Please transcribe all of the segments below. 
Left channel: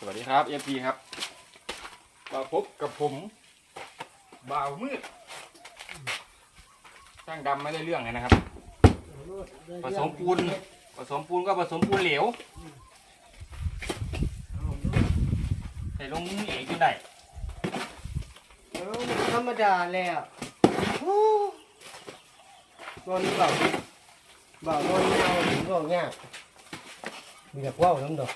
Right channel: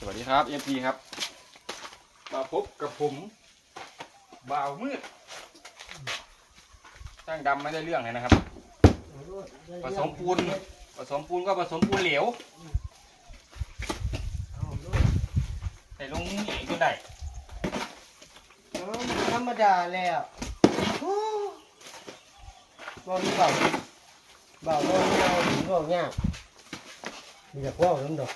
สวัสดีครับเอฟพีครับมาพบกับผมบ่าวมืดช่างดำไม่ได้เรื่องเลยนะครับผสมปูนก็ผสมปูนเหลวใส่ลงเองจนได้ธรรมดาแล้วตอนนี้เบาตอนนี้เราถึงก็ง่ายมีแต่ว่าวน้ำดอก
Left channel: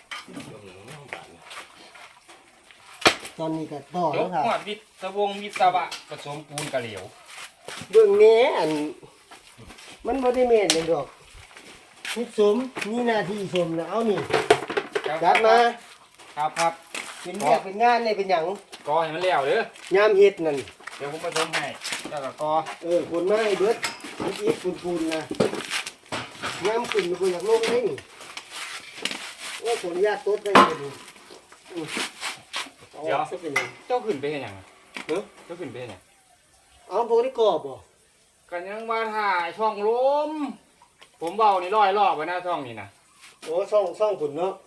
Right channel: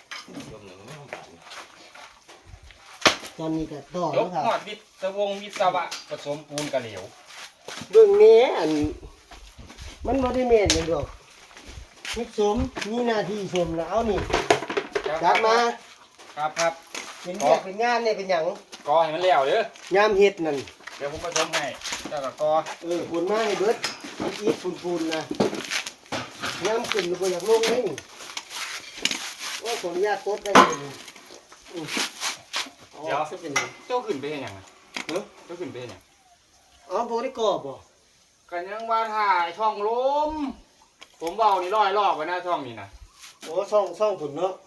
ตอนนี้ก็ต่อยกครับหอดวิศวงวิศวะผสมปูนกับเหลวเบื้องนี้มันบ่ได้เมนเลยดอกพิสมมีหน้าที่สมแล้วเอานี่จัดมาครับเป็นเรียกเป็นงานเนี่ยเป็นอย่างกอให้มันแล้วเด้อยามเฮ็ดนั่นเดี๋ยวผมผสมให้แล้วก็กอคนมาให้เบิดอีกปูนนะยามขึ้นมันก็อยากลงได้นี่โอ้ขออนุญาตตดได้เลยเอาออกซะเป็นหยังเจ้าขึ้นไปเห็นยังไงเนาะเจ้าขึ้นไปเห็นยังอ๋อโบได้กรอบบ่กันยังว่าถ่ายช่องลมผมเบานี่ร้อยรอบไว้หน้าช่องนี่นะโอ้ซ่องผุนเนาะ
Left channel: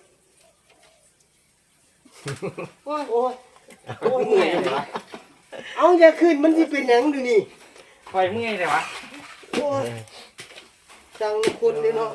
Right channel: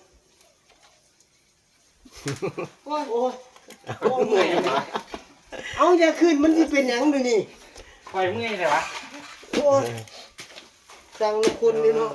โอ้ยโอ้ยเมื่อยเลยวะเอาอย่าขึ้นมันที่เป็นหยังดูนี่คอยเมื่อยเลยวะโอ้ยสั่งลูกคุณเลยเนาะ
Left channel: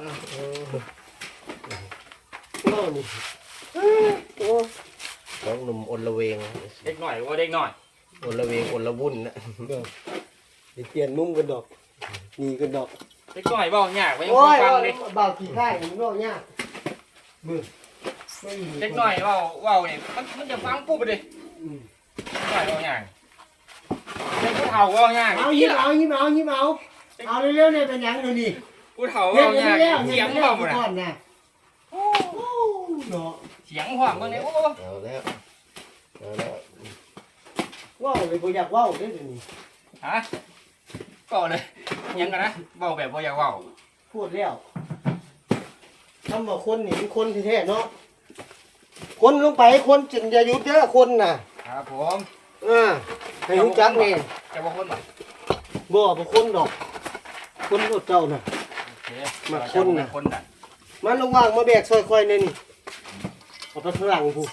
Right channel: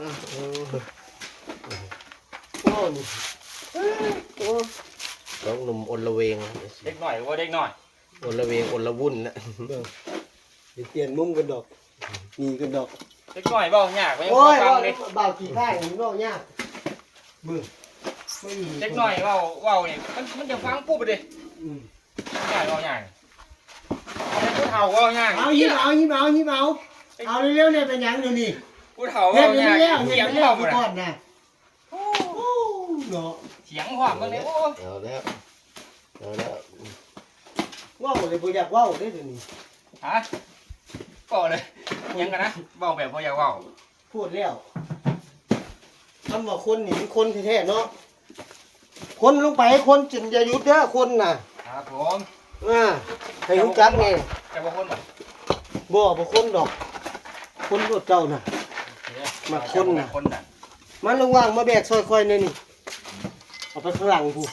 ว้าวนี่โอ้น้องหนุ่มอลละเวงเด็กหน่อยหรือว่าเด็กหน่อยอลละเวงอลละวุ่นนะเดี๋ยวเปลี่ยนมุมกันดอกมีกันดอกเด็กหน่อยเบาหยากไปยังพอฟังเลยเบากี่ข้างนี่เนาะเนี่ยมือไม่มีเด็กหน่อยเบาเนี่ยมันจะฟังปุ๊บไปเลยหน่อยเบาหยากเด็กผู้เฒ่าเบาหยากเอายิ้มเอาเร็วๆเนี่ยเป็นหยังดูนี่ผู้เฒ่าเฮ็เบาดหยากแล้วเสียงแล้พร้อวมหมดก่อนะนนะโอ้เนาะเสียงพร้อมเมื่อนี้โอ้เอาแล้วเอาแล้วว้าวเลยบ่อยากว้าวได้เดี๋ยวนี้ฮะก่อเลยยังกันนะเบาแบบบ่อยากเบาพูดแล้วทำว่าคนนี่เป็นคนแท้ๆเนาะคนลงไปคนจนจะหยุดเด้อคนน่ะครับผมให้รู้จักแน่จะบอกคนแบบบ่คนดอก คนรถเจ้าน่ะ มาคนน่ะคนน่ะมันระว่างมาแบกซอยคอยเนี่ยนี่เอาไปข้างหลังผู้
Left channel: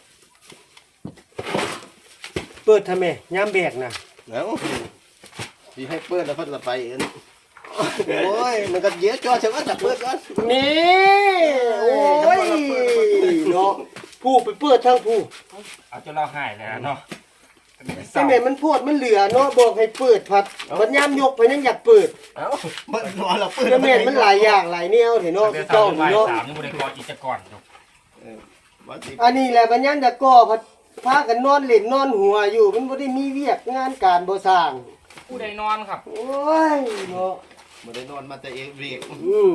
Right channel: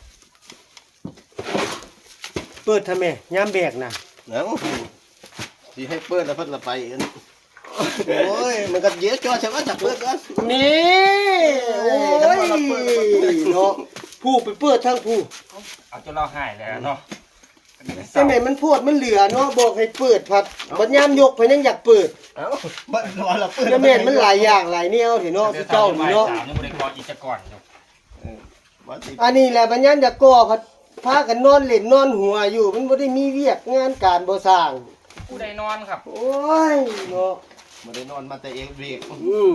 เปิดทำไมยามแบกน่ะเอาดีให้เปิดแล้วเพิ่นละไปอันนี้โอ้ยมันก็เยอะจ้อใช่ไหมจับเปิดก่อนนี่โอ้ยเนาะผู้ไปเปิดทางผู้เอาจนเราหายแล้วเนาะแต่แม่มันพวดมันเหลือเนาะบอกให้เปิดพัดบัดยามยกไปยังอยากเปิดเอ้ามันรอเราเปิดแต่แม่มันหลายอย่างหลายแนวเถอะเนาะเดี๋ยวเจ้าบ่ายเนาะ 3ยังบ่ได้กอกิจกรอยู่วันที่อันนี้แหละบัดยามจะก่อพัดพากันนอนเล่นนอนหัวอยู่มันบ่ได้มีเวียกงานการบ่สร้างผู้ใดนอนครับโอ้ยเนาะบ่ได้นอนมาแต่เองเบรก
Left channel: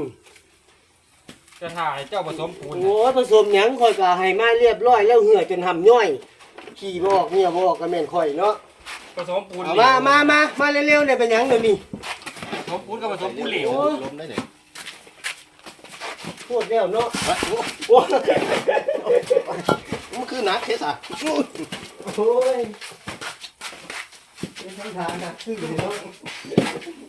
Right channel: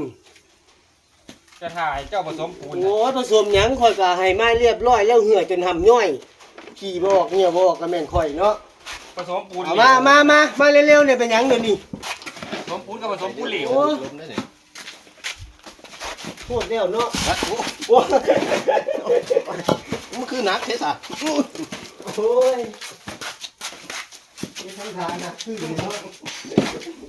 จะถ่ายเจ้าผสมปูนโอ้ยผสมหยังข่อยก็ให้มาเรียบร้อยแล้วเหื่อจนหำย่อยขี่บ่ออกเนี่ยบ่ออกก็แม่นข่อยเนาะผสมปูนเอาเหลวมาเร็วๆเนี่ยเป็นหยังเดี๋ยวนี้ผสมปูนกับผสมปูนเหลวลมได้เนี่ยพูดแล้วเนาะวัดโอ้โอ้ยมันคือหนักเทสอ่ะโอ้ยเป็นทางทางนะคือเนาะ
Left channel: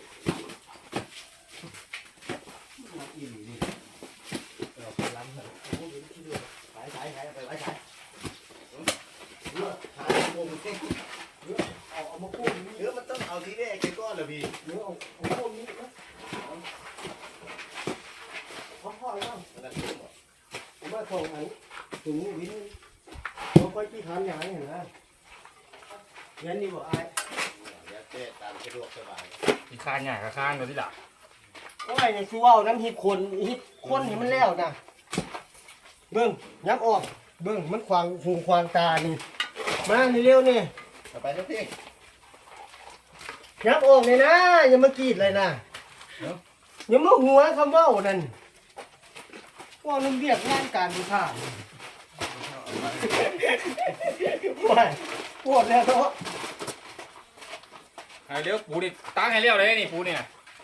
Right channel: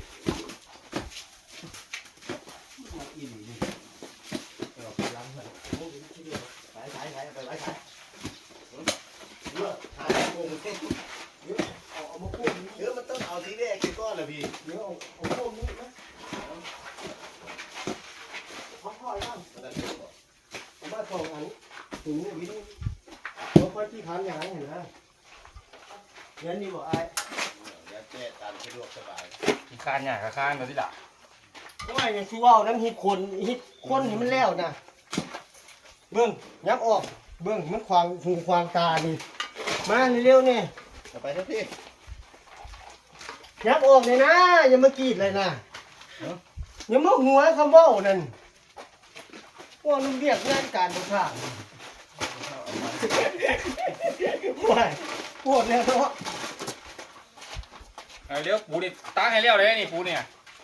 เอามาพูดนี้เดี๋ยวมันต้องเอาทีแรกไปก่อนล่ะพี่เดี๋ยวเอาพูดนี้นะเขาค่อยบ้างผมว่าโทรอันถึงนี่วินเขาค่อยที่พันอย่างนี้เห็นไหมเรียนดีกว่าไอ้อยากแก้ตามสะดวกสบายอีกคานใหญ่กับคานเดี๋ยวที่หลังโอ้ยยังชื่อว่าน้ำฮิตคนนี่มันแล้วนะเบิ้งยับออกเบิ้งมันควางหูควางตานี่มาเร็วๆเนี่ยเอาไปเถอะพี่ยับออกเลยนะอย่ามากรีดเลยนะอย่ามาหัวคำเว่านั่นว่าลุงเรียกงานการดูท่าโอ้ยปวดแล้วเนาะเลี้ยวปูนี่ตั้งให้เลี้ยวเลยนี่ปูเนี่ย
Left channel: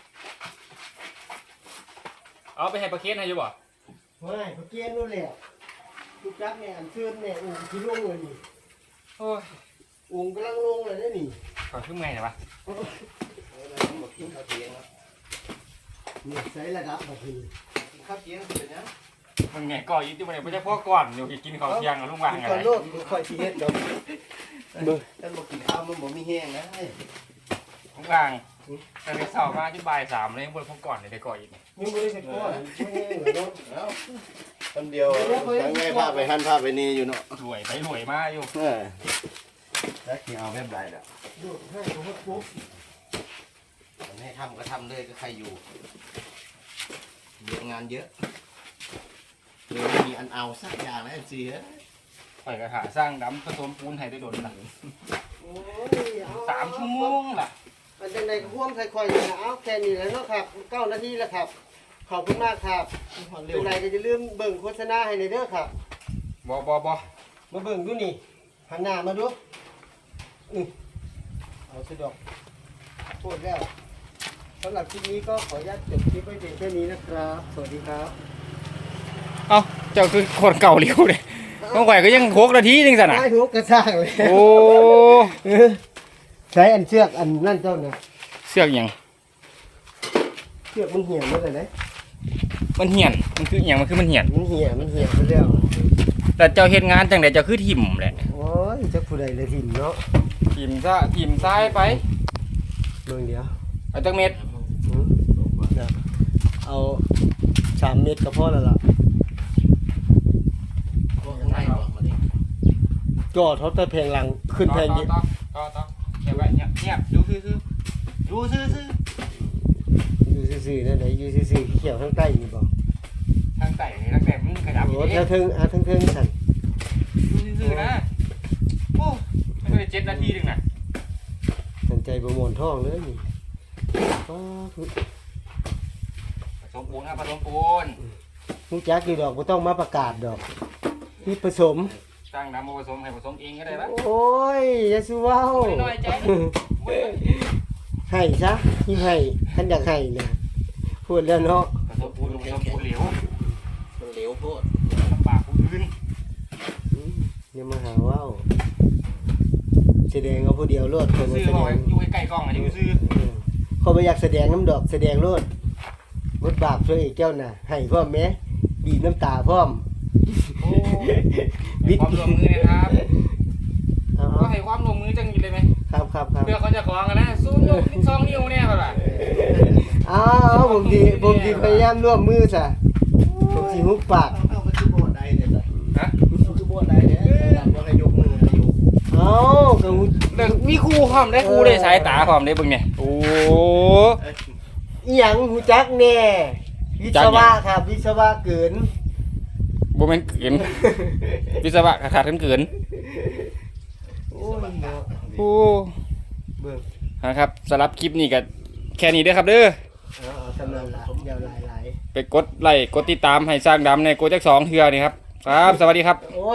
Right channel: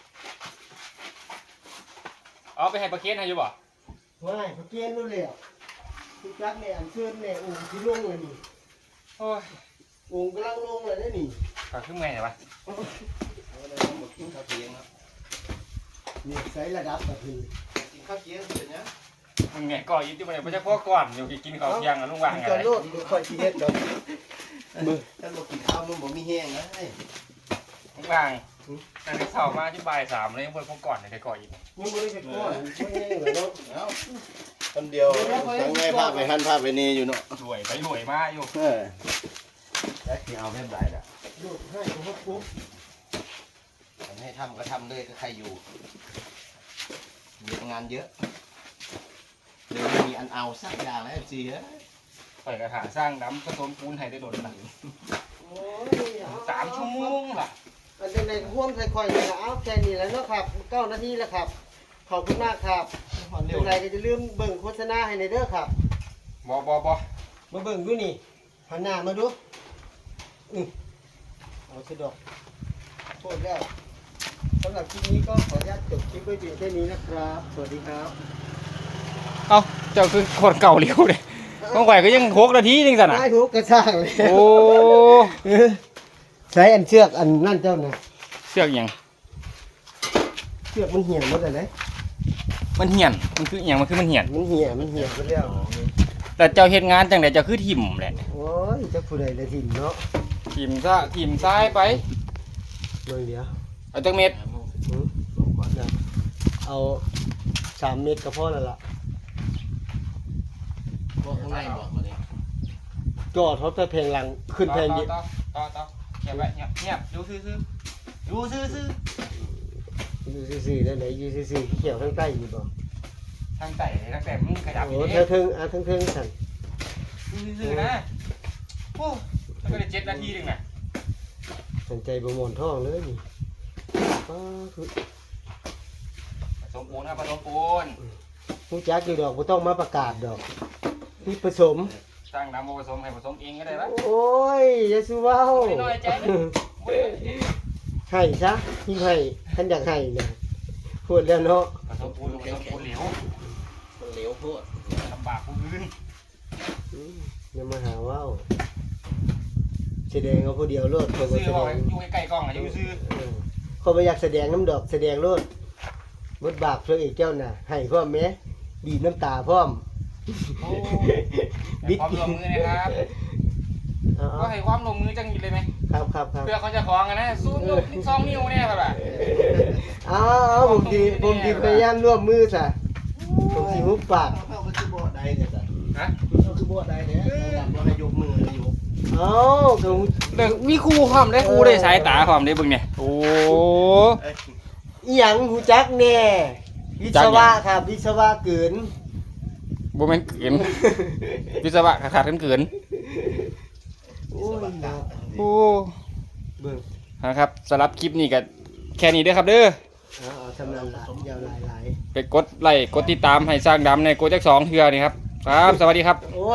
เอาไปให้ประเคนให้อยู่บ่ไม่เขาเกณฑ์รู้แล้วที่จับเนี่ยอันเชิญเนี่ยองค์ที่ลงเลยนี่โอ้ยองค์กำลังลงเลยนี่ขอขึ้นเมื่อยหน่อยวะเอาเลยหมดกินข้าวเที่ยงแล้วนี่ใช้ระดับกับพี่กินข้าวเที่ยงเสร็จนะมึงไงก่ออินที่มันไม่ใช่พ่อก่อนอยู่กินข้าวเที่ยงอะลุงวางกินไงก่อนโลดค่อยสิเฮ็ดดอกเบิ่งท่านบอกกินข้าวมันบ่มีแห้งนะลุงวางแต่ในเสาร์มาที่บ่าย3เลยพวกพ่อก่อนในก่ออินยังบ่ได้เฮ็ดก่อนไม่แห้งเหรอเนาะคำเดียวทั้งไงภาพไปหันภาพไปนี่อยู่เนาะรวยไปรวยมาอยู่แล้วที่เอาแบบไรล่ะโลดให้เขาปุ๊บให้ทำก็ทำเลยก็ใครอยู่มีงานเยอะไม่มีอันเอาสักอย่างนะสิฮะข่อยกระถาสร้างดำผสมปูนให้ได้โดนละโอ้ย 3 ชั่วโมงล่ะมันเป็นในห่วงค่อยๆนี่ล่ะเอาแค่นี้แล้วเนาะครับ9นาทีแล้วครับขอบคุณมากครับมันตเร็รวงไหนก็จะลืมเบิ่งโฆษณาให้ในเด้อครับบ่มาเบิ่งดูนี่หันหน้ามาดูเอาสะดอกโทษแล้วสำหรับคลิปนี้ก็ขออนุญาตจบคลิปไว้เพียงแค่นี้นะครับ สวัสดีครับเอ้าเจ้าคือคนเก่าเร็วเลยน้องข่อยก็ยัง6 นาทีนึงสั่นน่ะได้หัวกระช่างเลยโอ้ใช้อันเชือกอันนั่นเจ้าเนี่ยเสือกหยังเชือกมันเหี่ยวหมดเลยมันเหี่ยนมันคือหยังมันคือมันเหี่ยนมันเหี่ยวไปแล้วแต่เจ้าเฮ็ดงานจังได๋เจ้าคือถิ่มแหละโอ้ยเจ้าผู้ใดเลยทิมเนาะถิ่มซะถิ่มซ้ายไปเบิ่งเดียวเอาจักเม็ดเอา3 เม็ดก็พอแล้วล่ะก็ข้างในบอกมาดิก็เขาจะแพงหลังขึ้นแพงเยอะต่อเงียบไว้เงียบดูซื่อๆดูซื่ออยู่ซื่อๆนั่นแหละอยู่ซื่อๆเขียวข้างใต้อยู่บ่ๆทางไต่ทางแต่มึงขยับโอ้อีกแถวถึงถึงสั่นดูซื่อๆนะโอ้มันก็ได้7 นาทีนึงน่ะสนใจบ่หมอนท้องเลยนี่ป้าคือผสมปูนครับผสมปูนฮู้จักอยู่ดอกบ่ต้องมาประกาศดอกนี่ผสมสร้างน้ำมาผสมให้ผสมเองก็ได้ปะโอ้ยอย่าสิว้าวไม่น้อยใจนะเว้ยให้ซะที่ให้ท่านอยากให้นะพูดแล้วเนาะผสมปูนผสมปูนเหลวมันเหลวโพดลำบากผู้อื่นอย่ามาหาว้าวแสดงเอาผู้เดียวโลดเพิ่นซื่ว่าอแสบดอกงอยู่ใกล้ๆกล้องอ่ะอยู่ซื่อเขาบ่อยากแสดงน้ำดอกแสดงโลดบทบาทพระเอกเจ้าน่ะให้พร้อมแม้บีบน้ำตาพร้อมโอ้ความร่วมมือนะครับก็ให้ความร่วมมือจังเลยไหมครับเพื่อเขาจะคล้องกันนะสู้ยก2 นิ้วเนี่ยแบบอ้าวผมดีพยายามร่วมมือซะผมสิฮุบปากเข้าไปที่โบสถ์ใดเนี่ยจ้ะฮะเข้าที่โบสถ์ใดเนี่ยเราให้ยกมือให้ยกเอ้าก็แบบมีครูพร้อมได้ครูได้สายตาพร้อมได้เบิ่งเนี่ยโอ้อีหยังฮู้จักแน่วิศวะครับวิศวะเกินบ่แม่นเกินวิศวะขาดกันเกินโอ้ยเนาะโอ้เบิ่งนะครับสำหรับคลิปนี้ก็แค่นี้เด้อครับเด้อเอาสำนันละยาวหลายไปกดไลค์กดติดตามให้สร้างดำในโกจัก2 เทื่อนี่ครับครับสวัสดีครับๆโอ้